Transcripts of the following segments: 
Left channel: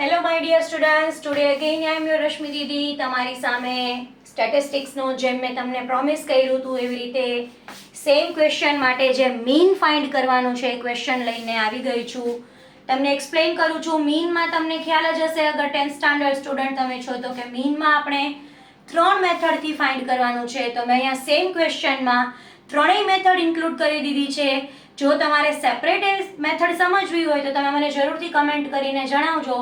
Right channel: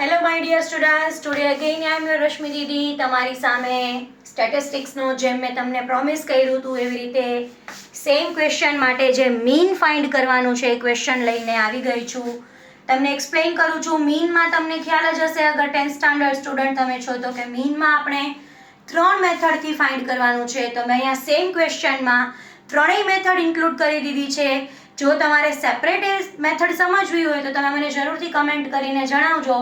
Hello my dear students, today again I am your Rashmi Didi તમારી સામે સ્ટેટિસ્ટિક્સનો જેમ મેં તમને પ્રોમિસ કર્યું હતું એવી રીતે સેમ ક્વેશ્ચન માટે જે મીન ફાઇન્ડ કરવાનું છે એ ક્વેશ્ચન લઈને આવી ગઈ છું. તમને એક્સપ્લેન કરું છું. મીનમાં તમને ખ્યાલ જ હશે અગર 10th સ્ટાન્ડર્ડ સ્ટુડન્ટ તમે છો તો કે મીનમાં આપણે 3 મેથડથી ફાઇન્ડ કરવાનું છે. તો મેં અહીંયા સેમ ક્વેશ્ચનમાં ત્રણેય મેથડ ઇન્ક્લુડ કરી દીધી છે. જો તમારે સેપરેટ મેથડ સમજવી હોય તો તમે મને જરૂરથી કમેન્ટ કરીને જણાવજો.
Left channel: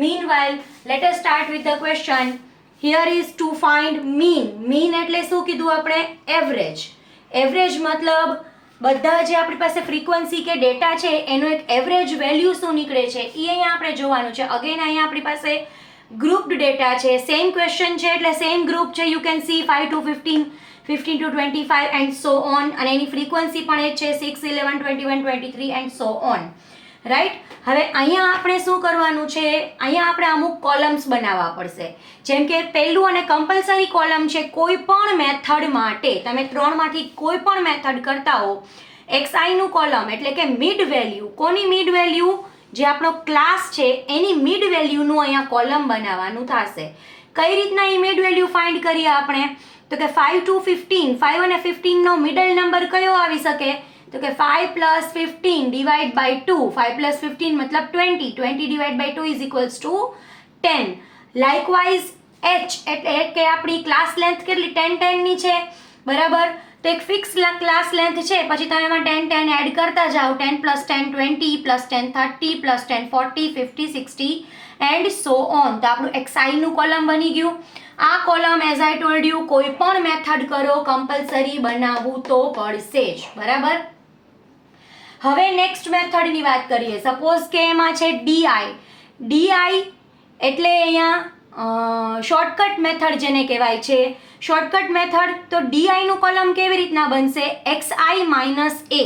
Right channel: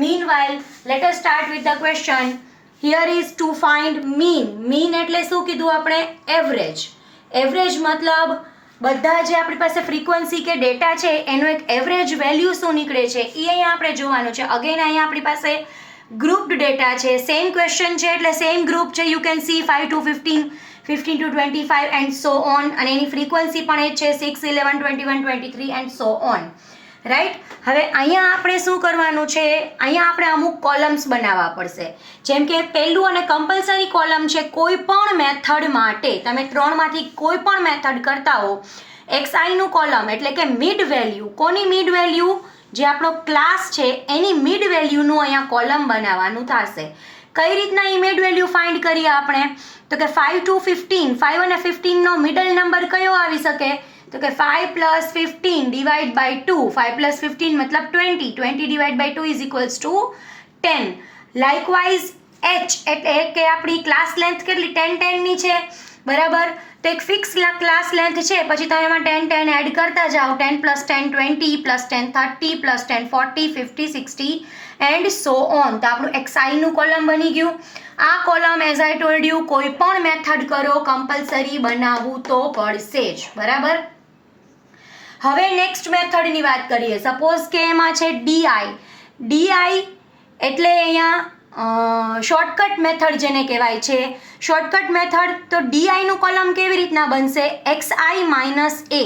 Meanwhile, let us start with the question. Here is to find mean. Mean એટલે શું કીધું આપણે? એવરેજ. એવરેજ મતલબ બધા જે આપણી પાસે ફ્રીક્વન્સી કે ડેટા છે એનો એક એવરેજ વેલ્યુ શું નીકળે છે એ અહીંયા આપણે જોવાનું છે. અગેન અહીંયા આપણી પાસે ગ્રુપ્ડ ડેટા છે. સેમ ક્વેશ્ચન છે એટલે સેમ ગ્રુપ છે. You can see 5 to 15, 15 to 25 and so on. અને એની ફ્રીક્વન્સી પણ એ છે 6, 11, 21, 23 and so on. રાઈટ. હવે અહીંયા આપણે શું કરવાનું છે? અહીંયા આપણે અમુક કોલમ્સ બનાવવા પડશે. જેમ કે પહેલું અને કમ્પલસરી કોલમ છે કોઈ પણ મેથડ માટે. તમે ત્રણમાંથી કોઈ પણ મેથડ કરતા હો એક્સઆઈનું કોલમ એટલે કે મિડ વેલ્યુ. કોની મિડ વેલ્યુ? જે આપણો ક્લાસ છે એની મિડ વેલ્યુનું અહીંયા કોલમ બનાવવાનું થશે. કઈ રીતના એ મિડ વેલ્યુ ફાઇન્ડ કરીએ આપણે? તો કે 5 to 15, 5 અને 15નો મિડલ નંબર કયો આવી શકે? તો કે 5 plus 15 divide by 2. 5 plus 15 મતલબ 20. 20 divide by 2 is equals to 10. Likewise h એટલે કે આપણી ક્લાસ લેન્થ કેટલી? 10 10 ની છે, બરાબર? તો એક ફિક્સ ક્લાસ લેન્થ છે, પછી તમે એમાં 10 10 એડ કરતા જાઓ. 10 plus 10 20 plus 10 30 plus 10 40 50 60 and so on. તો આપણું xi નું કોલમ બની ગયું. આ column as I told you કોઈ પણ મેથડ કરો કમ્પલસરી બનાવવું તો પડશે જ, બરાબર? હવે નેક્સ્ટ મેથડની વાત કરીએ. સપોઝ કે એમાં છે ડીઆઈ એટલે અહીંયા શોર્ટકટ મેથડ જેને કહેવાય છે. શોર્ટકટ મેથડ તો ડીઆઈનું કોલમ કેવી રીતના બનશે? XI minus A.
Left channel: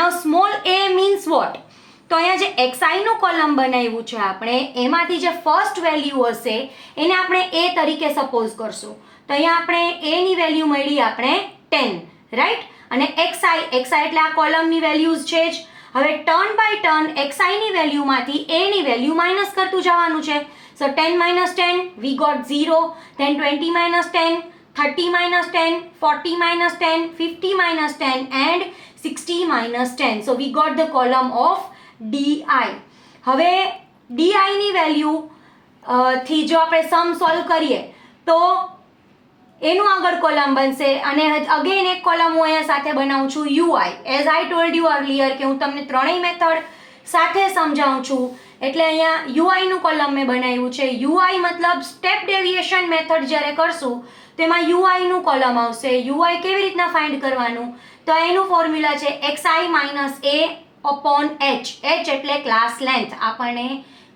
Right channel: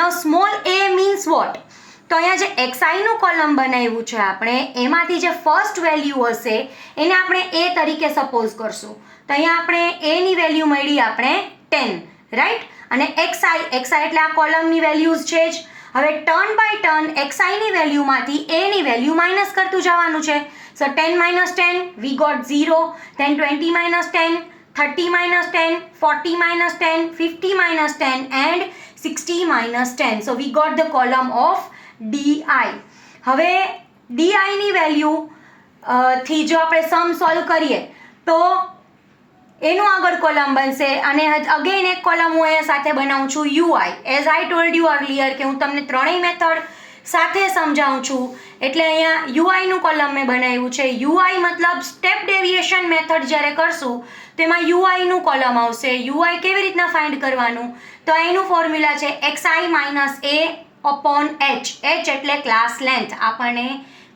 Now small A means what? તો અહીંયા જે એક્સઆઈનું કોલમ બનાવ્યું છે આપણે એમાંથી જે ફર્સ્ટ વેલ્યુ હશે એને આપણે એ તરીકે સપોઝ કરશું. તો અહીંયા આપણે એની વેલ્યુ મળી આપણે 10, રાઈટ? અને એક્સઆઈ એટલે આ કોલમની વેલ્યુઝ છે જ. હવે ટર્ન બાય ટર્ન એક્સઆઈની વેલ્યુમાંથી એની વેલ્યુ માઇનસ કરતું જવાનું છે. સો 10 minus 10 we got 0, then 20 minus 10, 30 minus 10, 40 minus 10, 50 minus 10 and 60 minus 10. So we got the column of DI. હવે DIની વેલ્યુ થી જો આપણે સમ સોલ્વ કરીએ તો એનું આગળ કોલમ બનશે. અને અગેન એક કોલમ હું અહીંયા સાથે બનાવું છું UI. As I told you earlier કે હું તમને ત્રણેય મેથડ સાથે સમજાવું છું એટલે અહીંયા યુઆઈનું કોલમ મેં બનાવ્યું છે. યુઆઈ મતલબ સ્ટેપ ડેવિએશન મેથડ જ્યારે કરશું તેમાં યુઆઈનું કોલમ આવશે. યુઆઈ કેવી રીતના ફાઇન્ડ કરવાનું? તો એનું ફોર્મ્યુલા છે એક્સઆઈ માઇનસ એ અપોન એચ. એચ એટલે ક્લાસ લેન્થ, આપણને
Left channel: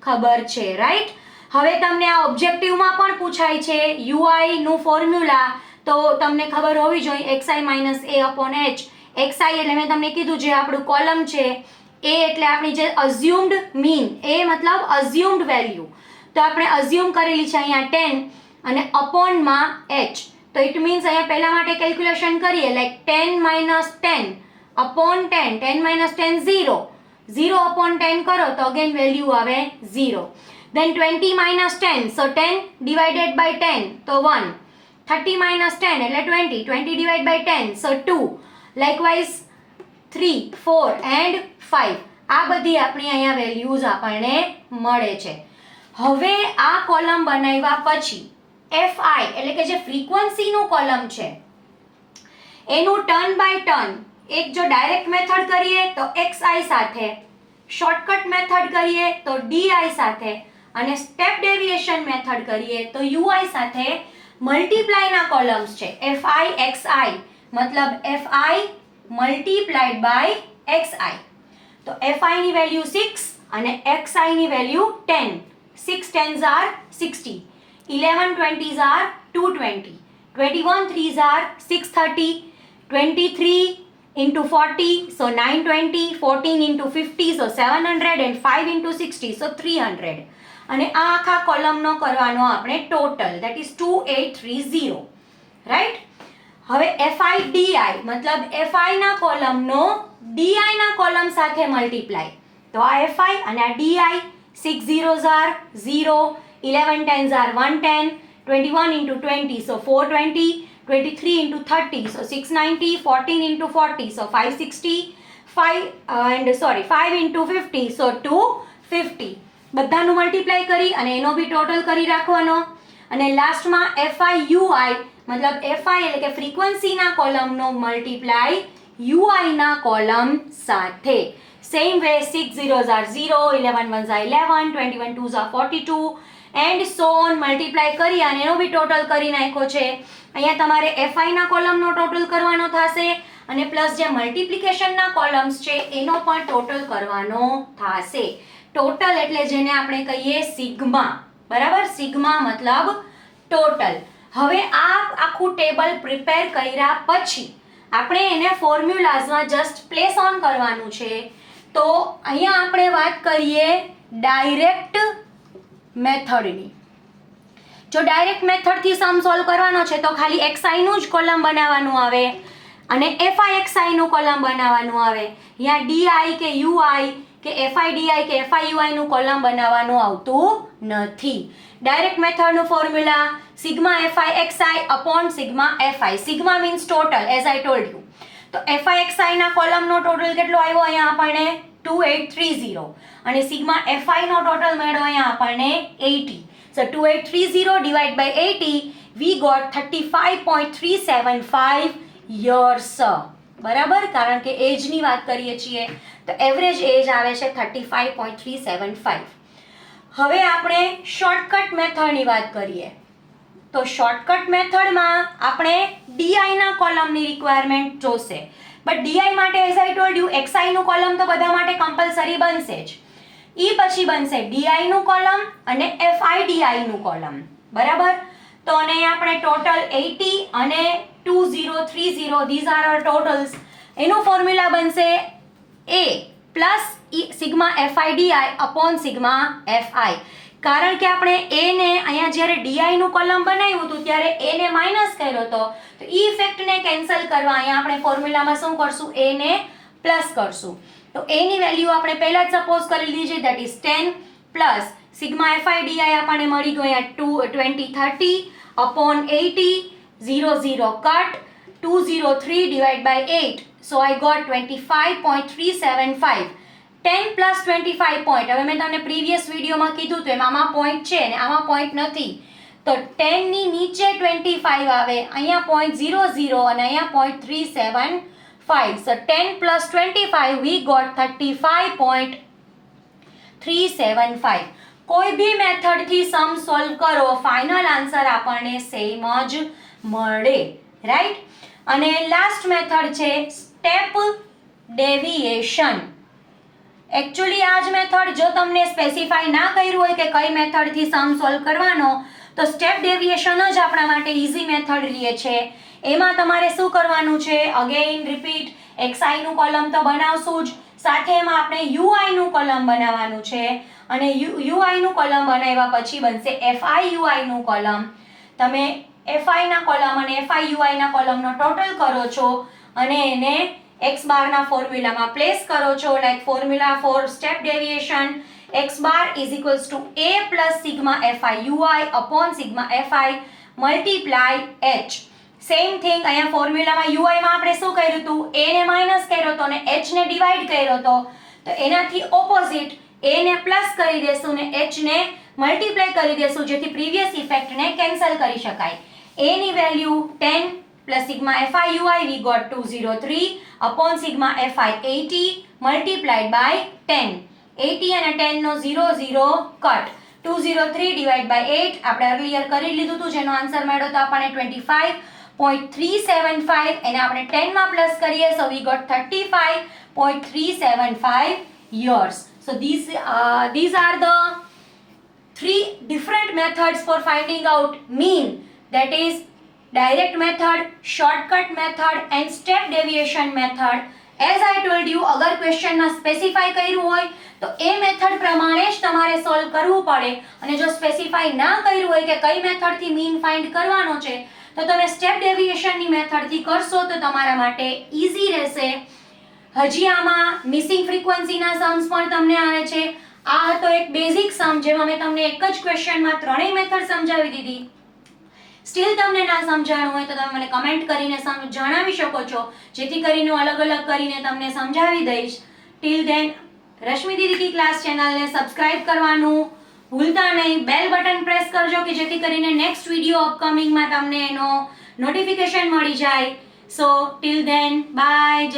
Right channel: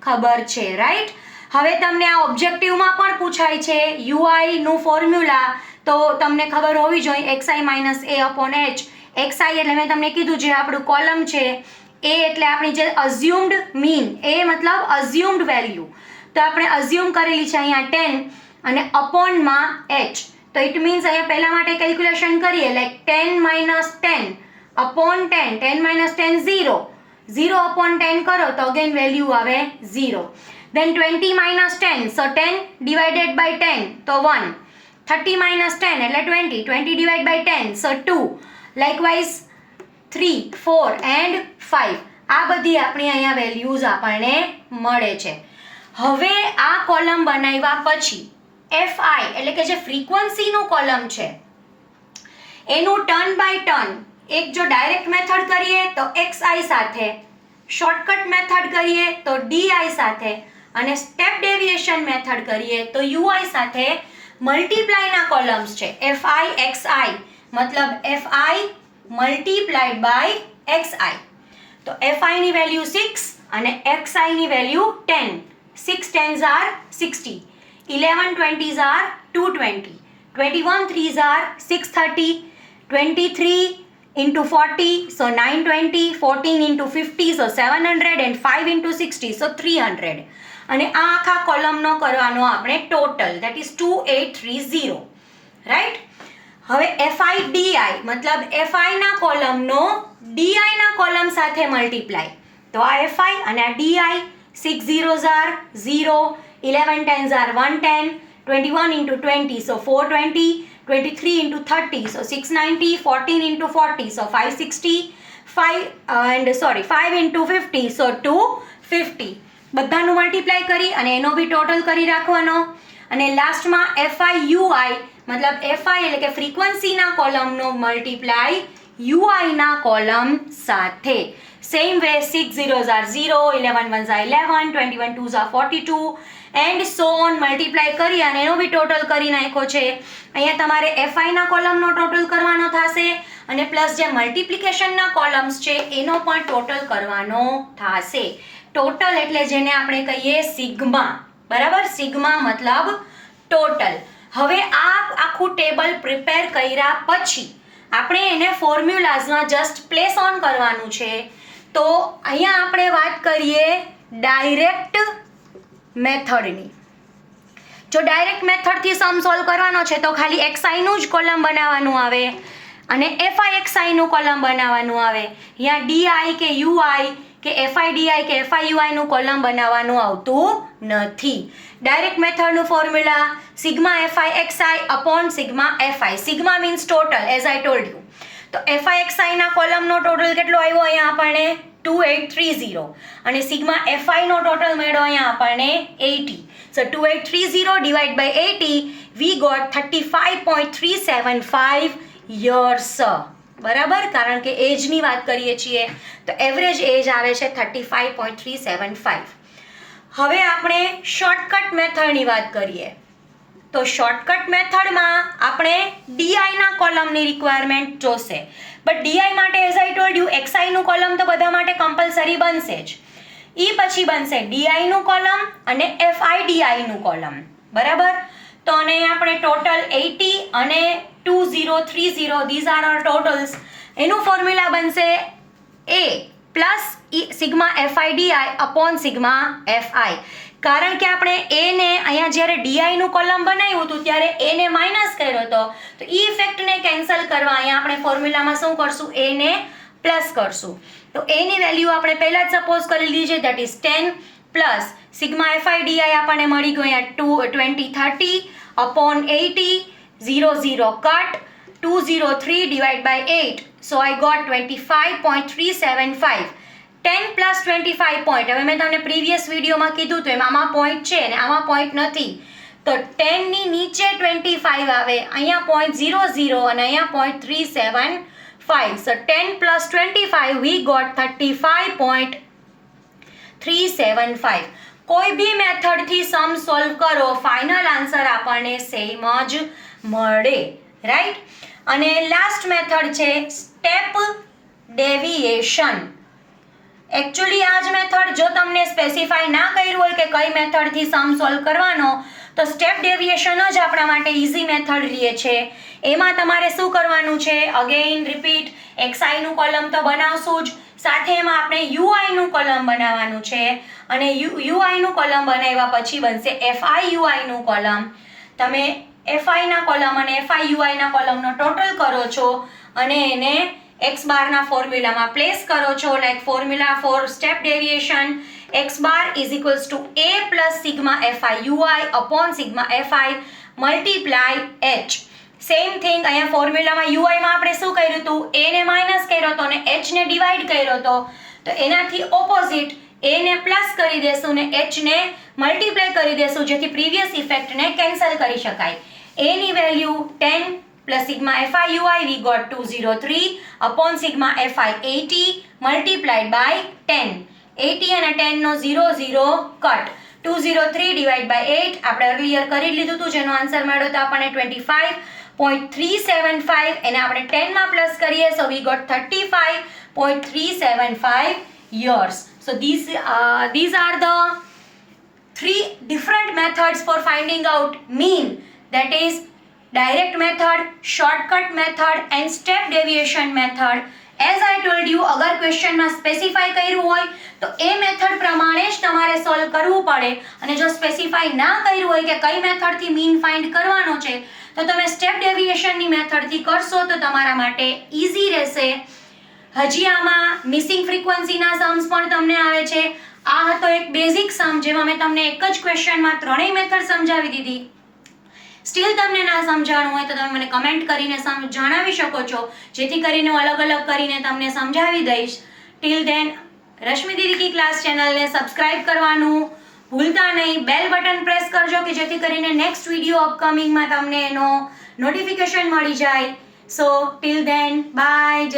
ખબર છે, રાઈટ? હવે તમને આ ઓબ્જેક્ટિવમાં પણ પૂછાય છે યુઆઈનું ફોર્મ્યુલા, તો તમને ખબર હોવી જોઈએ એક્સઆઈ માઇનસ એ અપોન એચ. એક્સઆઈ એટલે મેં તમને કીધું જે આપણું કોલમ છે. એ એટલે આપણી જે અઝ્યુમ્ડ મીન. એ મતલબ અઝ્યુમ્ડ વેલ્યુ. તો આપણે અઝ્યુમ કરેલી છે અહીંયા 10 અને અપોનમાં એચ. તો ઇટ મીન્સ અહીંયા પહેલા માટે કેલ્ક્યુલેશન કરીએ like 10 minus 10 upon 10. 10 minus 10 0. 0 upon 10 કરો તો અગેન વેલ્યુ આવે 0. Then 20 minus 10, so 10 divided by 10, so 1. 30 minus 10 એટલે 20. 20 divided by 10, so 2. Likewise 3, 4 and 5. આ બધી આપણી અહીંયા વેલ્યુઝ આપણને મળે છે. હવે આ કોલમ બનાવ્યા પછી FI એટલે કે જે ફ્રીક્વન્સીનું કોલમ છે એનું ટર્ન બાય ટર્ન એક જો ડાયરેક્ટ મેથડ કરીએ તો XI સાથે, શોર્ટકટ મેથડ કરીએ તો DI સાથે અને સ્ટેપ ડેવિએશન મેથડ કરીએ તો યુઆઈ સાથે મલ્ટીપ્લાયના કોલમ્સ છે. FI XI મતલબ FI મલ્ટીપ્લાઈડ બાય XI. તો FI ની વેલ્યુ 6 અને XI ની value 10. 6 10s are 60, 11 20s are 220, 21 3s are 630, 23 into 40 so 920, 14 into 50 so 700 and 5 into 60 so 300. અને આ આખા કોલમનો કરવાનો આપણે ટોટલ ધેટ ઇઝ 2830, રાઈટ? હવે FI DI મતલબ FI ના કોલમનો DI ના કોલમ સાથે મલ્ટીપ્લાય. તો આ FI અને આ DI 6 zeros are 0, 11 tens are 110, 21 into 20 so 420, 23 into 30 so 690, 14 into 40 so 560, 5 into 50 so 250. બધાનું મલ્ટીપ્લાય કરી અને એનો બી ટોટલ કરી રાખવાનો અને લાસ્ટમાં FIUI મતલબ FI એટલે કે ફ્રીક્વન્સીના કોલમનો મલ્ટીપ્લાય UI ના કોલમ સાથે. Same way 6 zeros are 0, 11 ones are 11, 21 twos are 42 and so on multiply કરી અને એનો બી ટોટલ કરી નાખ્યો છે. અહીંયા તમારે FI ના કોલમનો ટોટલ કરવાનો થશે અને પ્લસ જે મલ્ટીપ્લિકેશનના કોલમ્સ છે એનો પણ ટોટલ કરવાનો થશે. ટોટલ એટલે જેને આપણે કહીએ સિગ્મા, બરાબર? સિગ્મા મતલબ ટોટલ. હવે આ આખું ટેબલ પ્રિપેર કર્યા પછી આપણે એને ફોર્મ્યુલાઝમાં જસ્ટ પ્લેસ ઓન કરવાનું છે. તો અહીંયા આપણે વાત કરીએ ડાયરેક્ટ મેથડની. જો ડાયરેક્ટ મેથડથી સમ સોલ્વ કરવાનો છે તો ખાલી XIનું જ કોલમ બનાવવાનું આવે અને FIXIનું કોલમ બનાવવાનું આવે. અહીંયા DI કે UI કે FIDI કે FIUIનું કોલમ બનાવવાનું આવતું નથી. ડાયરેક્ટ મેથડનું formula sigma FIXI upon sigma FI. Sigma means total as I told you. તો FIXI ના કોલમનો ટોટલ કેટલો આવ્યો અહીંયા આપણને 2830 અને સિગ્મા FI નો ટોટલ મળ્યો અહીંયા આપણને 80. So 2830 divided by 80 we got 35.375 years. બરાબર? કારણ કે એજની વાત કરીએ છીએ તો એવરેજ એજ આવે છે 35.375. હવે આપણે શોર્ટકટ મેથડની વાત કરીએ તો શોર્ટકટ મેથડમાં આપણે DIના કોલમની રિક્વાયરમેન્ટ જોશે. બટ DI માટે એઝ આઈ ટોલ્ડ યુ XIનું કોલમ તો બધા માટે કમ્પલસરી બનશે જ. એ પછી બનશે DIનું કોલમ અને FIDIનું કોલમ, બરાબર? તો અને અહીંયા આપણે ટોટલ 80 અને 2030 these are our totals. એનું ફોર્મ્યુલા બનશે A plus sigma FIDI upon sigma FI. કારણ કે આપણે A ને અહીંયા જ્યારે DIનું કોલમ બનાવ્યું હતું ત્યારે A ને માઇનસ કર્યો હતો તો એ ઇફેક્ટને કેન્સલ કરવા અહીંયા આપણે ફોર્મ્યુલામાં શું કરશું? A ને પ્લસ કરશું. તો A ની વેલ્યુ આપણે પહેલા જ સપોઝ કરી લીધી છે, that is 10 plus sigma FIDI આપણને મળી ગયું અહીંયા 2030 upon 80 0 cut 203 divided by 8 so I got 25.375. 10 plus 25 point. હવે મેં તમને પ્રીવિયસ વિડીયોમાં કીધું તો એમ આમાં પોઈન્ટ છે અને આમાં પોઈન્ટ નથી તો 10 ની નીચે 25 આવે, અહીંયા 0.00 અને અહીંયા 0.375. so 10 plus 25 we got 35.375. કોઈ બી મેથડથી સમ સોલ્વ કરો ફાઇનલ આન્સર આપણને સેમ જ મળે, રાઈટ? અને લાસ્ટ મેથડ છે સ્ટેપ ડેવિએશન. એકચ્યુઅલી આ જ મેથડ જો તમને સ્પેસિફાઈ ના કર્યું હોય કે કઈ મેથડથી સમ સોલ્વ કરવાનો તો સ્ટેપ ડેવિએશન જ આપણા માટે ઇઝી મેથડ રહે છે. એમાં તમારે શું કરવાનું છે? અગેઇન રિપીટ, XIનું કોલમ તો બનાવશું જ, સાથે એમાં આપણે UIનું કોલમ બનાવવાનું છે અને UIનું કોલમ બનાવ્યા પછી બનશે FIUIનું કોલમ. તમે FIના કોલમ અને FIUIના કોલમનો ટોટલ કરો છો અને એને x બારના ફોર્મ્યુલામાં પ્લેસ કરો છો. Like formula for step deviation x bar is equals to a plus sigma FIUI upon sigma FI multiply h. Same thing અહીંયા ફોર્મ્યુલામાં UIમાં આપણે શું કર્યું હતું? a ને માઇનસ કર્યો હતો અને h ને ડિવાઈડ કર્યો હતો તો એનાથી ઓપોઝિટ a ને પ્લસ કરી દેશું ને h ને મલ્ટીપ્લાય કરી દેશું જેથી પ્રીવિયસ ઇફેક્ટને કેન્સલ કરી શકાય. a ની value 10 plus sigma FIUI we got 203 upon sigma FI 80 multiplied by 10. 80 અને 10 નો 0 કટ 203 divided by 8 આપણે earlier કરી લીધું હતું જેનો આન્સર મળ્યો તો આપણને 25.375 એને આપણે 10 માં પ્લસ કરીએ so we got 35.375 years. So these are the three different methods for finding out mean, that is direct method, shortcut method and step deviation method. As I told you, અગર ક્વેશ્ચનમાં specify કર્યું હોય તો એ method પ્રમાણે જ તમારે solve કરવું પડે અને જો સ્પેસિફાઈ ના કર્યું હોય કે કઈ મેથડથી મીન ફાઇન્ડ કરવાનો છે તો તમે સ્ટેપ ડેવિએશનની મેથડથી કરશો તો તમારા માટે ઇઝી રહેશે. હજી આમાં મિસિંગ ફ્રીક્વન્સીના સમ્સ પણ તમને આવે છે. આ હતો એક બેઝિક સમ જેમાં મેં તમને એક જ ક્વેશ્ચનમાં ત્રણેય મેથડ સમજાવી દીધી. સ્ટીલ તમને ના સમજાણું હોય તો તમે મને કમેન્ટ કરીને જણાવી શકો છો, જેથી કરીને હું અલગ અલગ કરીને તમને સમજાવી દઈશ. ટિલ ધેન રશ્મિ દીદી કી ક્લાસ ચેનલને સબસ્ક્રાઇબ કરવાનું ભૂલતા નહીં. બેલ બટન પ્રેસ કરજો કે જેથી કરીને નેક્સ્ટ વિડીયો અપકમિંગમાં તમને એનો નોટિફિકેશન મળી જાય. સો ટિલ ધેન બાય.